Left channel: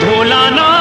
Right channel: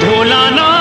ভোলানাথ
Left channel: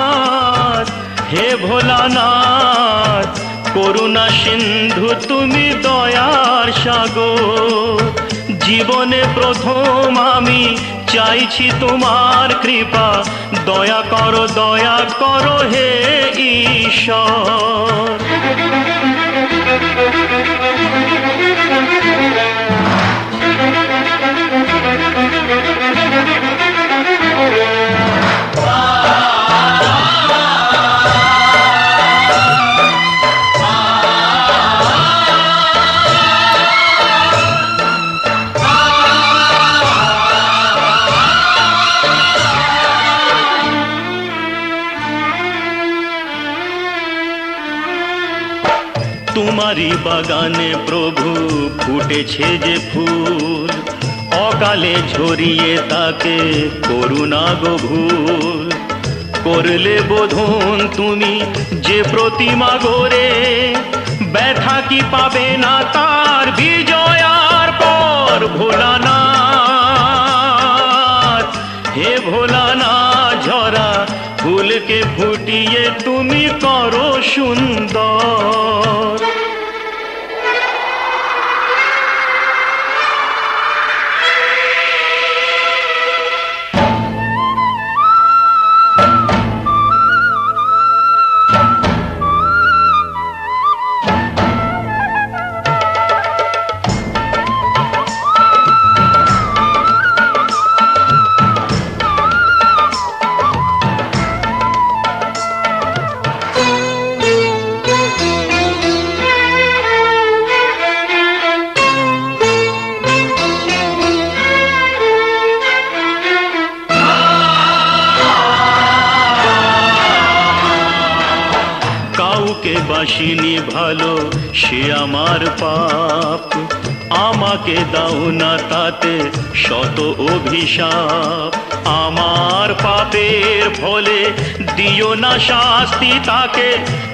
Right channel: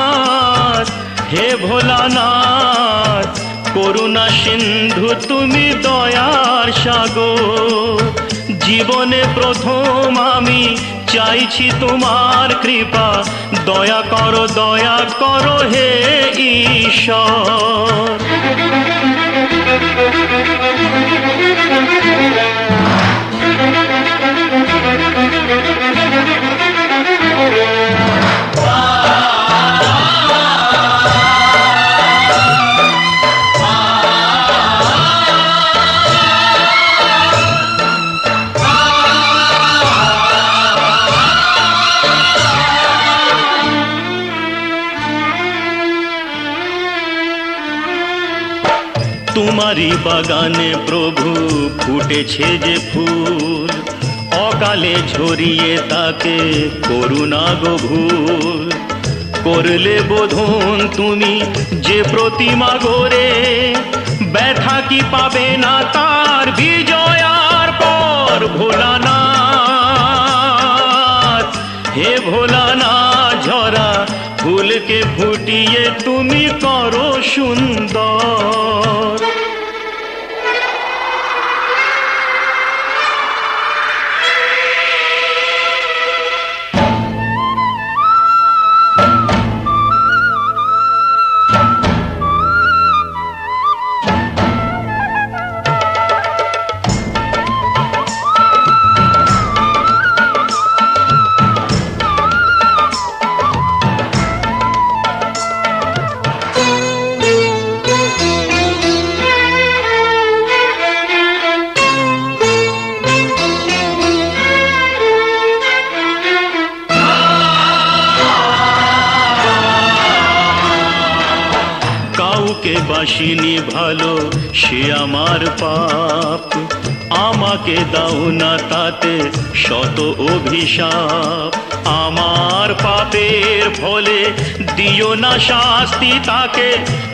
ভোলানাথ হে ভোলানাথ করুণা সিন্ধু তুমি দয়ার সাগর জীবনে প্রথম আমি চাইছি তোমার কৃপা দয়া করো হে ঈশ্বর তোমারি বাগানে প্রভু ফুটেছে যে ফুল অকালে ঝরিয়ে তাকে করুণা গো ভুল করলে বোধন তুমি যে প্রতিমা গড়ে ব্যথা কি পাবে না তার বিজয়ার পর ভোলানাথ হে ভোলানাথ ঝরা ফুলকে ফুটিয়ে তুমি করো সুন্দর কাউকে বাসিনি ভালো সে আমার পাপ আমাকে দাও না তাতে শত অভিশাপ আমার পাপের ফলে দিও না শাস্তি তাকে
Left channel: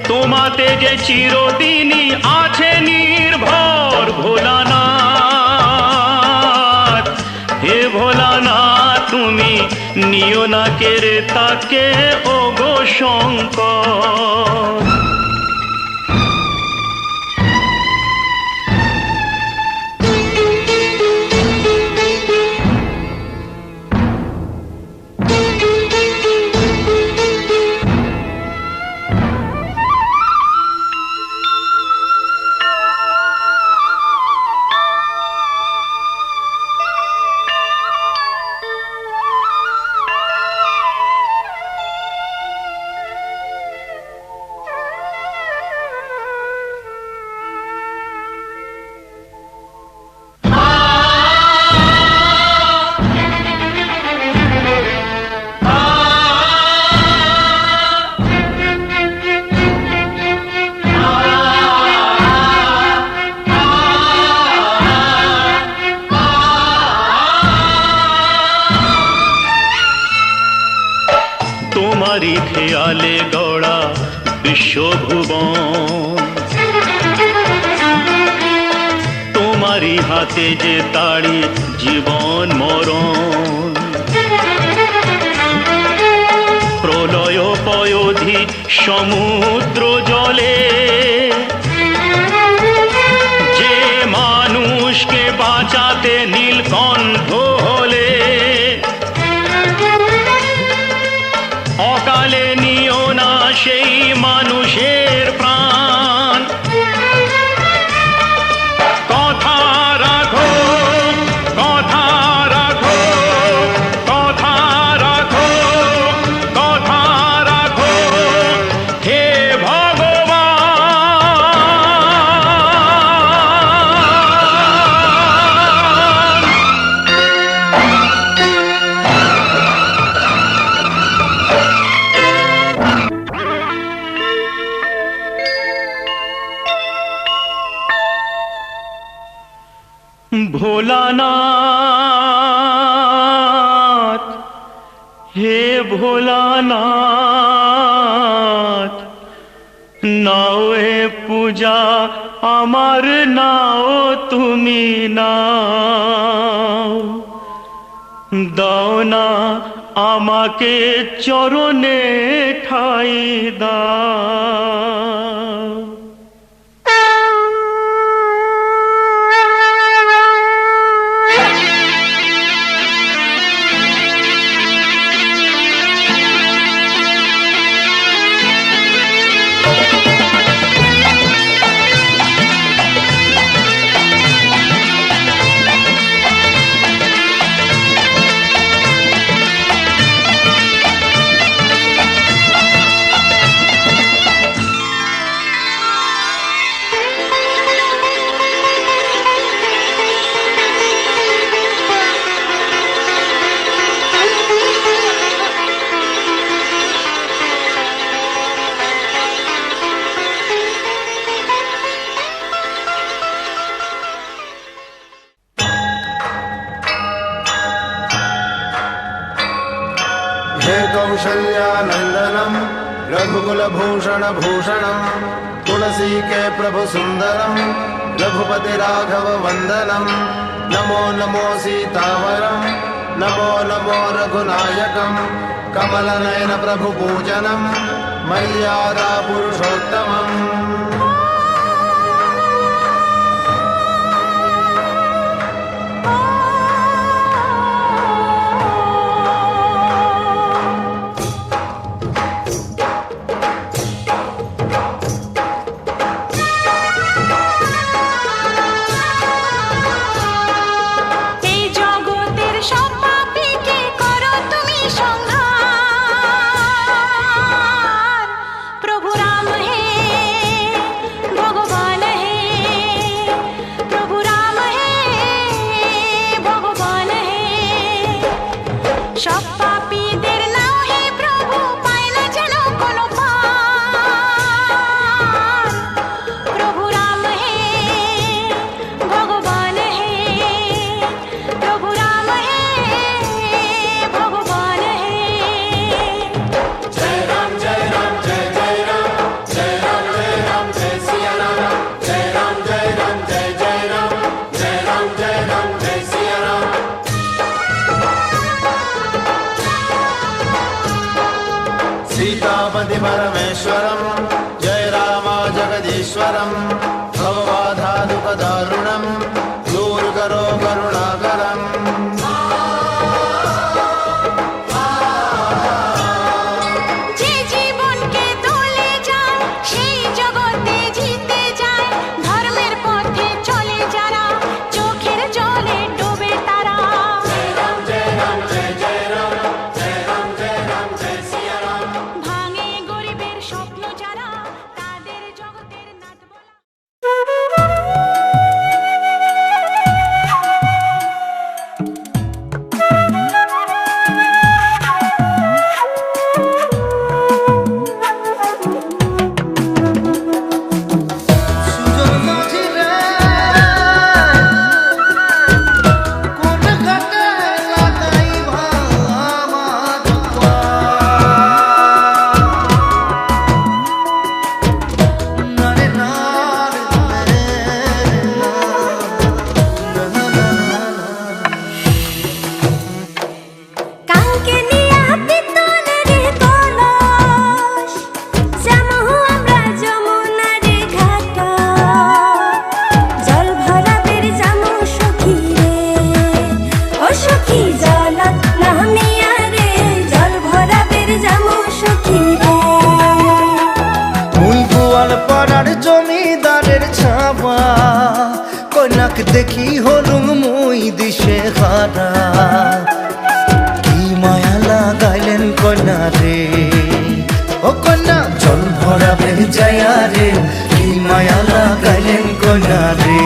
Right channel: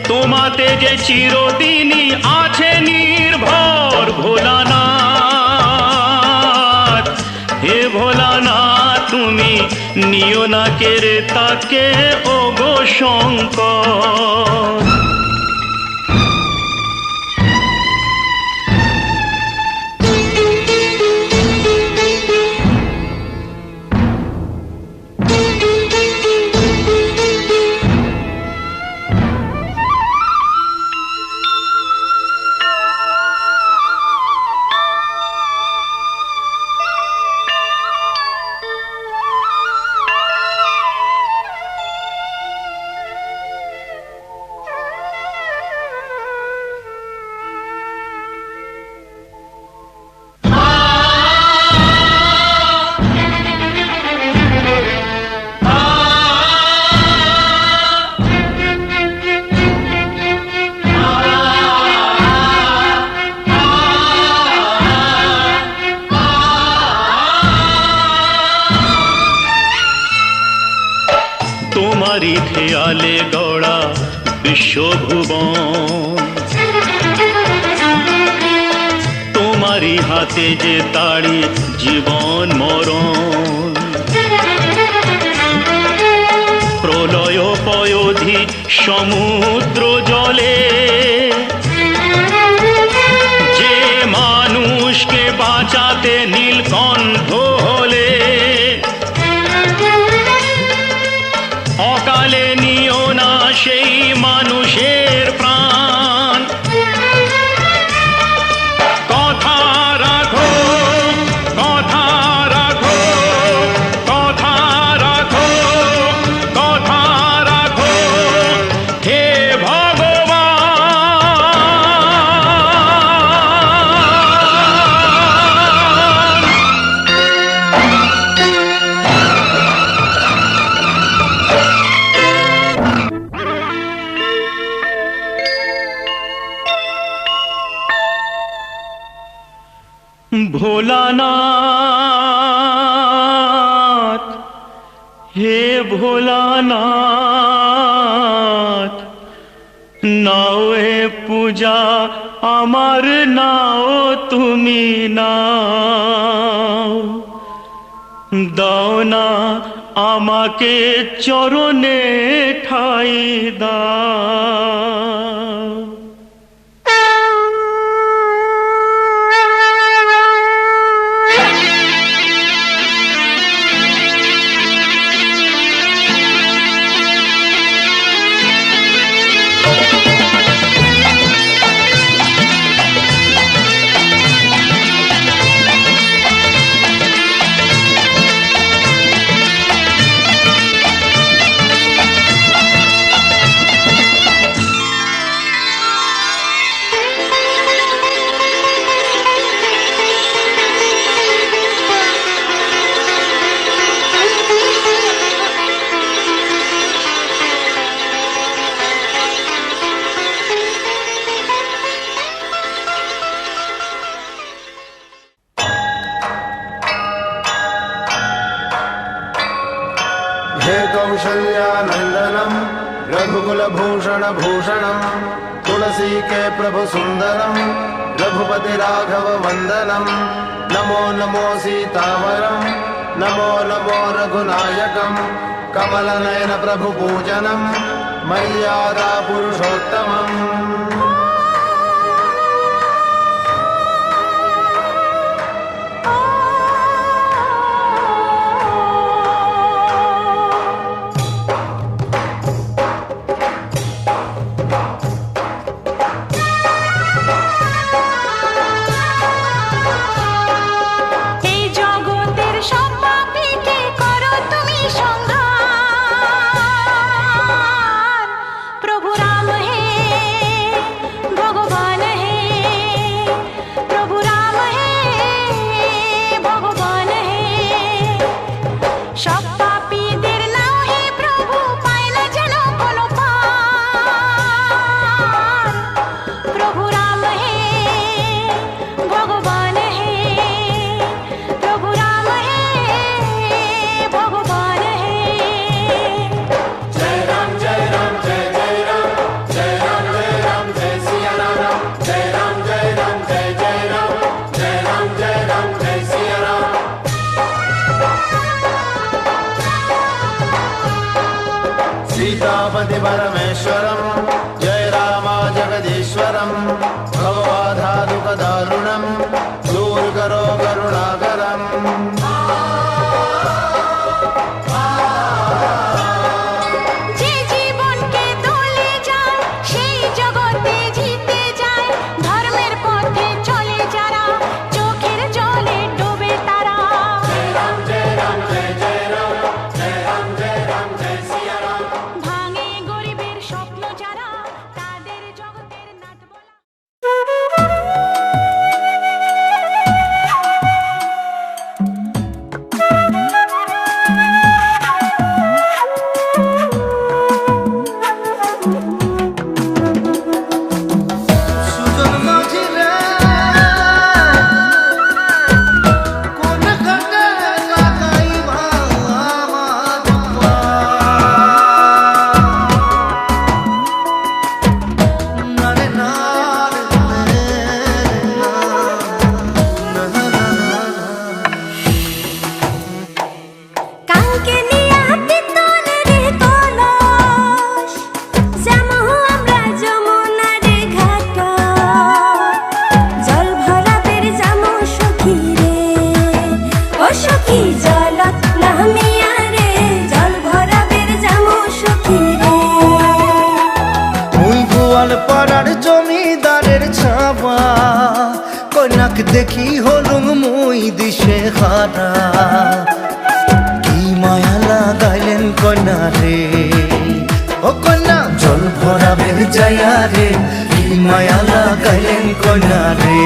তোমাতে যে চিরদিনই আছে নির্ভর ভোলানাথ হে ভোলানাথ তুমি নিও না কেড়ে তাকে ওগো শঙ্কর তোমারি খেয়ালে গড়া বিশ্বভুবন তোমারি হাতে যে তাড়ি জীবন মরণ প্রলয় পয়োধি সমুদ্র জলে যে মানুষকে বাঁচাতে নীলকণ্ঠ হলে অকালে নিও না সেই মানুষের প্রাণ কথা রাখো কথা রাখো কথা রাখো কথা রাখো হে ভোলানাথ হে ভোলানাথ নাও এ পূজা আমার, নাও তুমি নাও, দাও না আমাকে চরণে ঠাই দাও। हे कौशल्यानन्दनम् रघुकुलभूषण भूषणम् तुलसी के प्रभु सुन्दरम् रघुपति राघव वन्दनम् नमो नमो सीतावरम् नमो नमो रघुनायकम् कमलनयन प्रभु पूजनम् मर्यादा पुरुषोत्तमम्। सीतापति परमेश्वरम् जय रामा जगदीश्वरम् भवबाधा दुःख दारुणम् दूर करो करुणाकरम्। জমিদারের ছাওয়া কন্যাক দেখি হলুম মুই দিশে হারা কি মায়া লাগাইলেন কন্যা রে ও কন্যা জল ভরাবে যায়া রে কি মায়া লাগাইলেন কন্যা রে।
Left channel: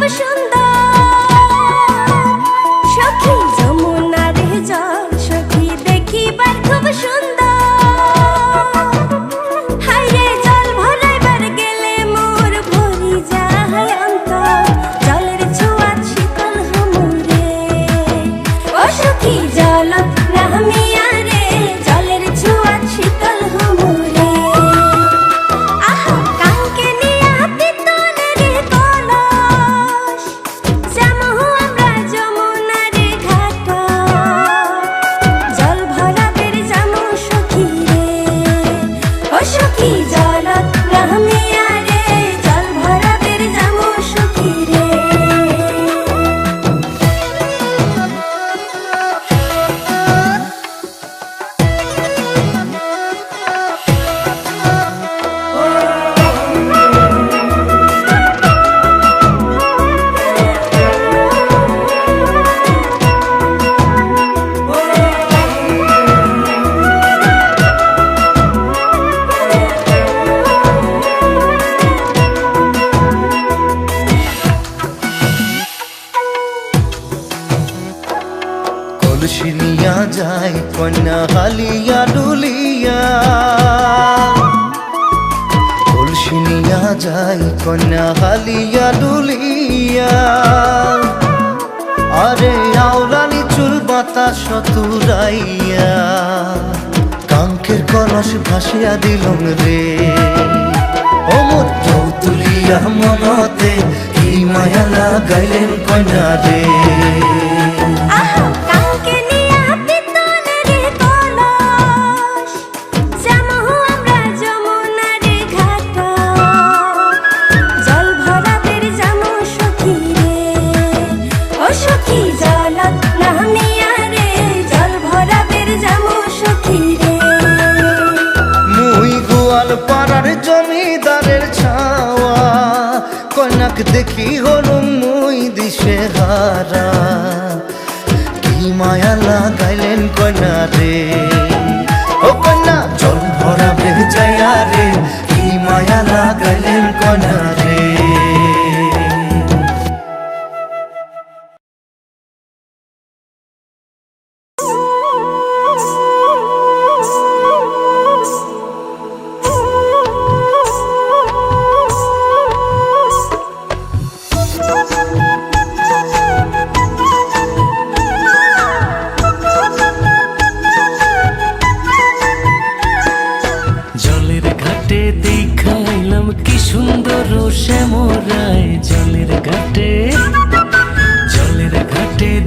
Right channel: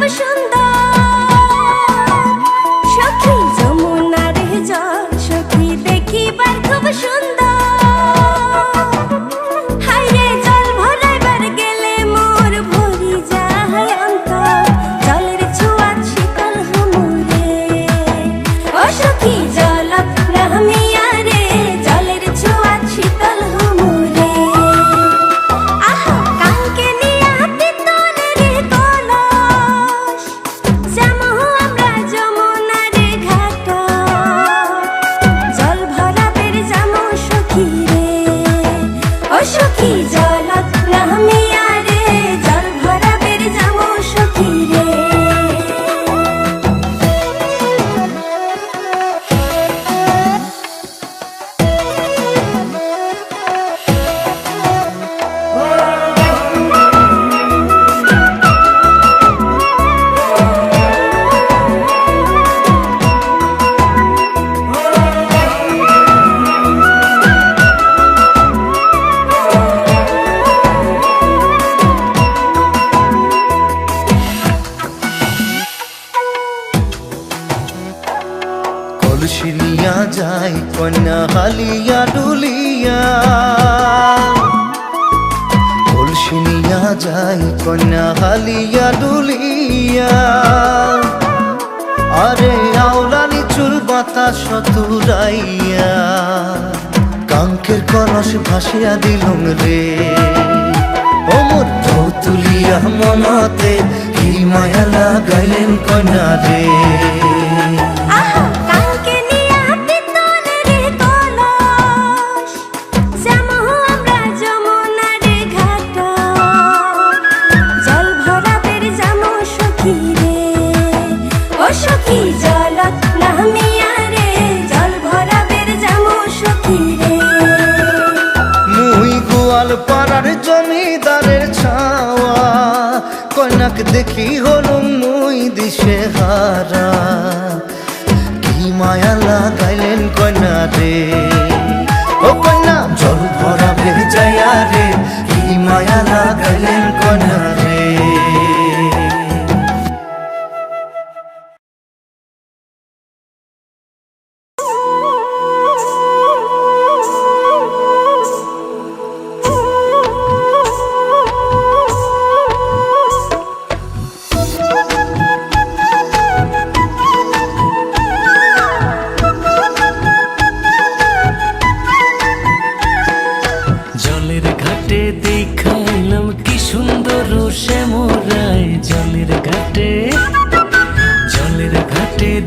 খুব সুন্দর সখী যমুনার জল সখী দেখিবার খুব সুন্দর হায়রে জল ভরাইবার গেলে মোর ভরি যায় অন্তর জলের ছোঁয়া শীতল হামুরে ও সখী জল প্রামিয়া রে জলের ছোঁয়া শীতল হামুরে আহা কাঙ্কে নিয়া পিতলের কলস যামহু আমরা যমুনার ঘাট জল ভরাবের যামু সখী রে ও সখী জলত প্রামিয়া রে জল ভরাবের যামু সখী রে কলসি নিয়া যায় কন্যা হালিয়া ডুলিয়া কলসি নিয়া যায় কন্যা হালিয়া ডুলিয়া আরে আওরানি চুল বাতাস তুরাইয়া কাঙ্কের কলস ভাসিয়া দিলুম রে ও মোর ঢৌ তুলিয়া মনতে কি মায়া লাগাইলেন কন্যা রে আহা কাঙ্কে নিয়া পিতলের কলস যামহু আমরা যমুনার ঘাট জল ভরাবের যামু সখী রে ও সখী জলত নামিয়া রে জল ভরাবের যামু সখী রে মুই গোয়াল পাড়ার জমিদারের ছাওয়া কন্যাক দেখি হলুম মুই দিশে হারা কি মায়া লাগাইলেন কন্যা রে ও কন্যা জল ভরা ভেজাইয়া রে কি মায়া লাগাইলেন কন্যা রে জলের ঘাটে দেখাইলাম কি সুন্দর শ্যামরায় জলের ঘাটে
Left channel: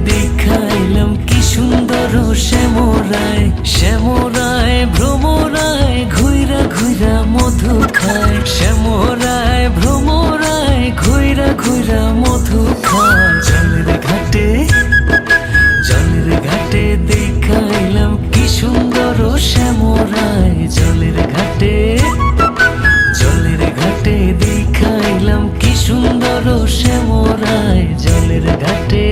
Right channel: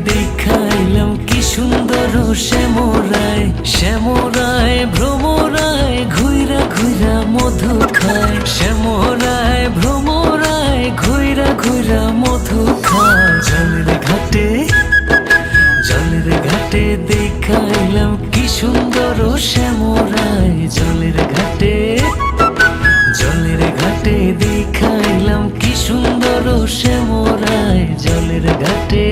দেখাইলাম কি সুন্দর শ্যামরায় শ্যামরায় ভ্রমরায় ঘুইরা ঘুইরা মধু খায় শ্যামরায় ভ্রমরায় ঘুইরা ঘুইরা মধু খায় জলের ঘাটে দেখাইলাম কি সুন্দর শ্যামরায় জলের ঘাটে দেখাইলাম কি সুন্দর শ্যামরায় জলের ঘাটে